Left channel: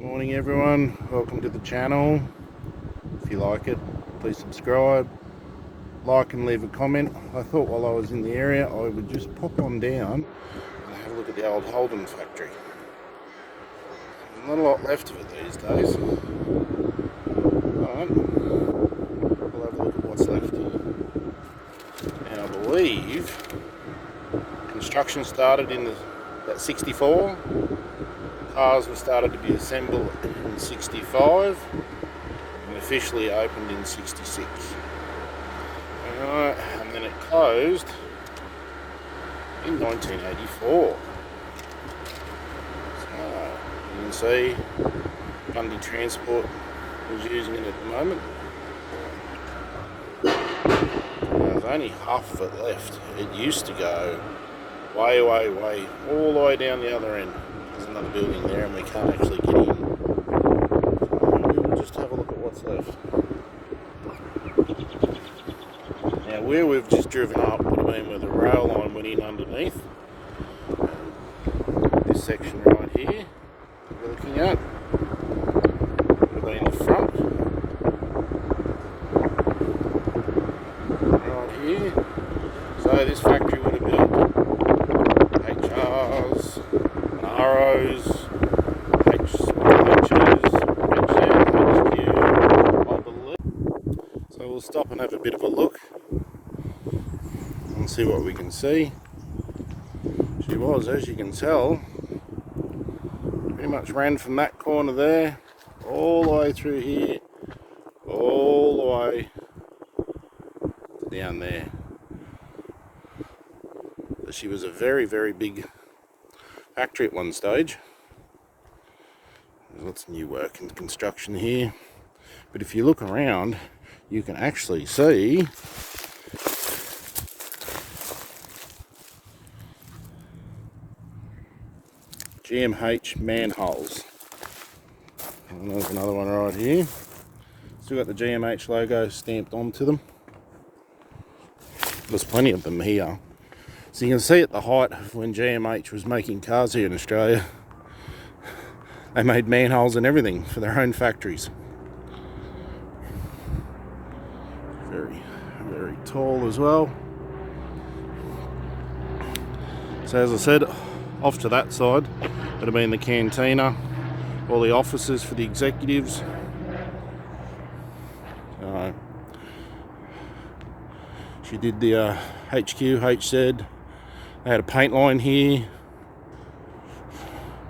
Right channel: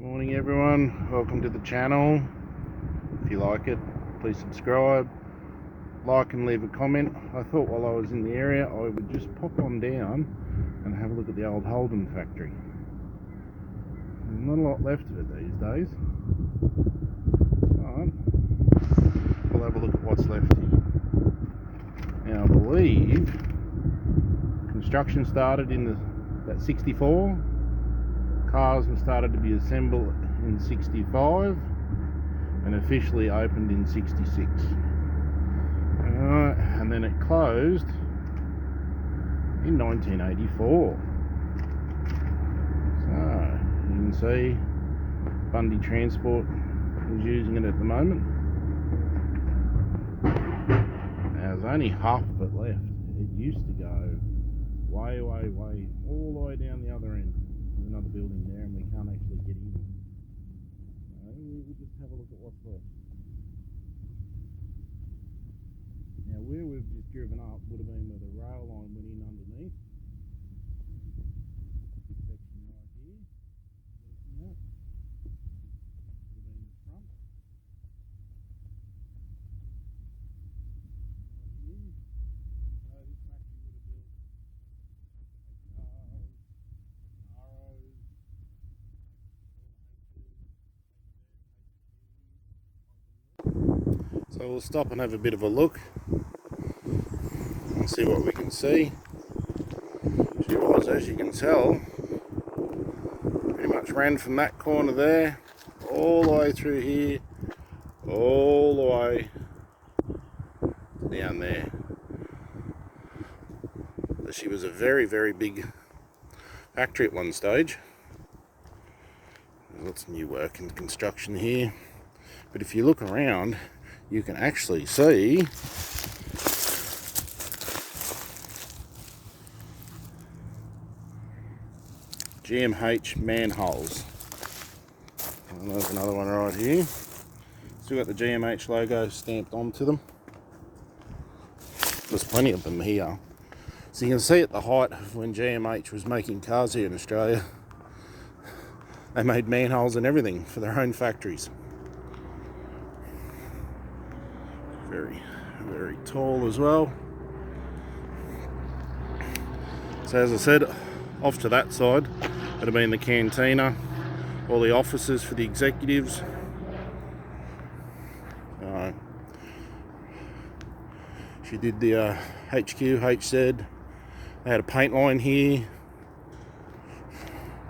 Morning everyone, welcome to the channel. If you like it, please subscribe, like and leave a comment. I thought while I was in the area I would just pop on down and have a look at the old Holden factory. There's not a lot left of it these days. Alright, we'll have a look at what's left here. Now I believe construction started in about 64. Cars were started to be assembled in 65 and officially opened in 66. Alright, and then it closed in 1984. So you can see Bundy Transport is using it at the moment. Now there's only half of it left. It used to go way all the way down the other end. There's another building there and we can't actually get in. So we'll just have a look at what's left. Now where we've just driven up would have been where the rail line went in underneath. This section right here we're looking at would have been the front. Right here. So this factory would have built HRs, Arrows, H's, HQ, I believe. So we'll stop and have a bit of a look and see what we can see. She was, as you can tell, pretty much ran from that corner there, all the way through here, all the way down there. But she was a very big factory at one stage. There's lots of new work and construction here, but if you look around you can actually see GMH manholes. And there's another one right here. Still got the GMH logo stamped onto them. There's plenty of them here. So you can see at the height of when GMH was making cars here in Australia, they made manholes and everything for their own factories. Very tall as well. So as I said, off to that side would have been the cantina, all the offices for the executives. She did the HQ, HZ. They had a paint line here,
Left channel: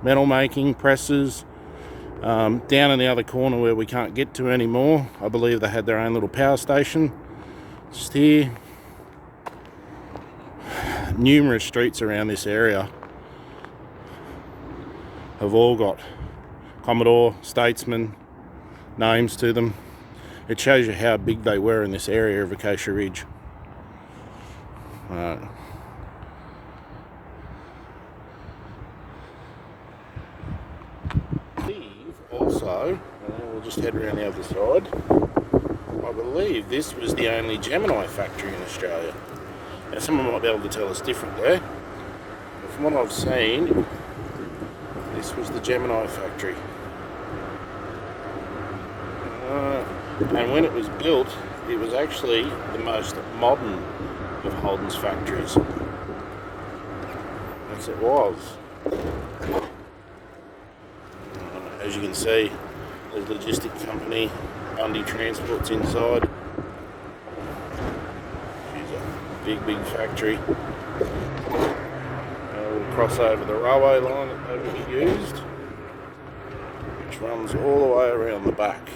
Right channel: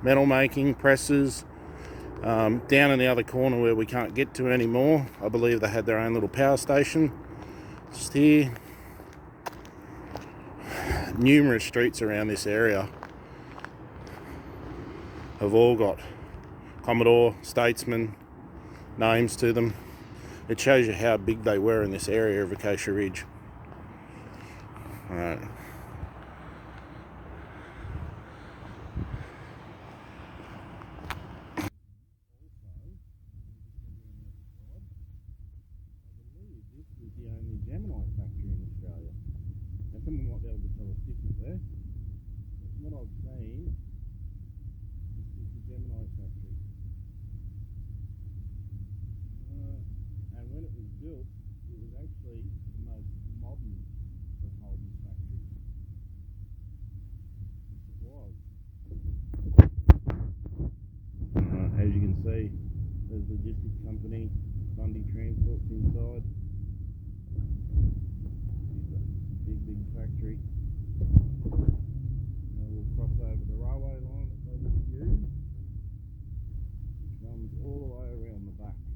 metal making, presses. Down in the other corner where we can't get to anymore, I believe they had their own little power station. Just here. Numerous streets around this area have all got Commodore, Statesman names to them. It shows you how big they were in this area of Acacia Ridge. Right. Also, we'll just head around the other side. I believe this was the only Gemini factory in Australia. Now someone might be able to tell us differently, but from what I've seen, this was the Gemini factory. And when it was built, it was actually the most modern of Holden's factories. Yes, it was. As you can see, there's a logistic company, Bundy Transport's inside. She's a big factory. We'll cross over the railway line that they would have used, which runs all the way around the back.